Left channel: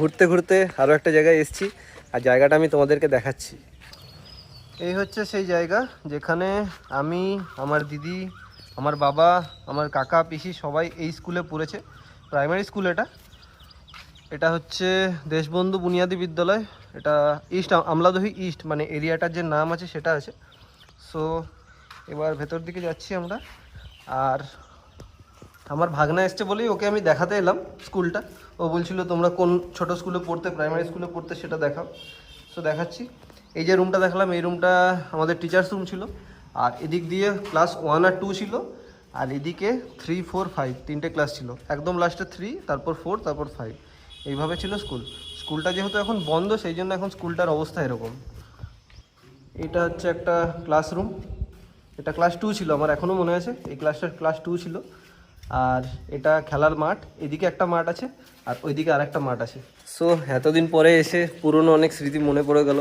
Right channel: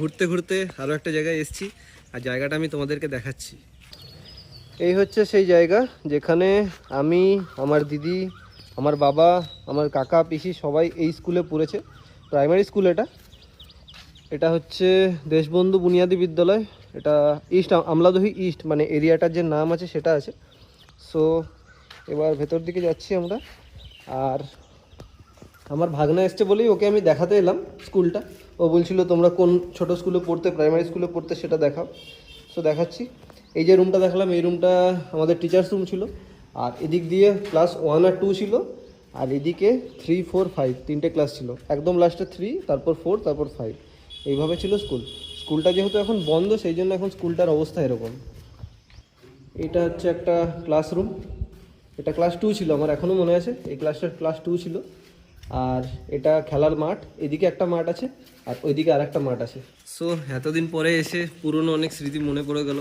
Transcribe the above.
ঘুরতে ঘুরতে আরও একটা জায়গায় এসেছি, আর জায়গাটা আমি তোমাদেরকে দেখাচ্ছি। এই হচ্ছে সেই জায়গা যেখানে আমি, আমার দিদি, আমার বাবা, আমার কাকা পিসি সবাই এই স্কুলে পড়েছে। প্রাইমারি স্কুল এটা। এটা হচ্ছে দেশবন্ধু বুনিয়াদী বিদ্যালয়। এটা ইস্ট আমলাদহি ইস্ট, মানে এরিয়াটার যে নাম আছে সেটা আছে। সো এবার ভেতর দিকে যাচ্ছি আমরা। আর আমার ভাগনা এসছে বলেই ওকে আমি দেখাতে এলাম স্কুলটা। ও বলছিল তোমরা কোন ছোট স্কুলে পড়তে, প্রাইমারি স্কুলে পড়তে, সেটা দেখাও। তো দেখাচ্ছি। এই যে রুমটা দেখালাম, এই রুমটা আমাদের টিচার্স রুম ছিল। আর এদিক দিয়ে ক্লাস 1 আর 2 ছিল। আর এদিকে 3, 4, 5 তিনটে ক্লাস ছিল। একদম লাস্টে 3, তারপর 4, তারপর 5, এইভাবে ছিল স্কুল। স্কুলটা যেহেতু এখন বন্ধ, সেই জন্য এখন স্কুলটার অবস্থা এরকম। এটা হচ্ছে একটা ক্লাসরুম। এটা ক্লাস 2 ছিল, আমার এখনও মনে আছে এই ক্লাসটা ক্লাস 2 ছিল। আর এটা খেলার মাঠ, এদিকে একটা মাঠ আছে আর ওইদিকে আর একটা মাঠ আছে। সো এতদিন পরে এসে পুরনো অনেক স্মৃতি মনে পড়ে গেল।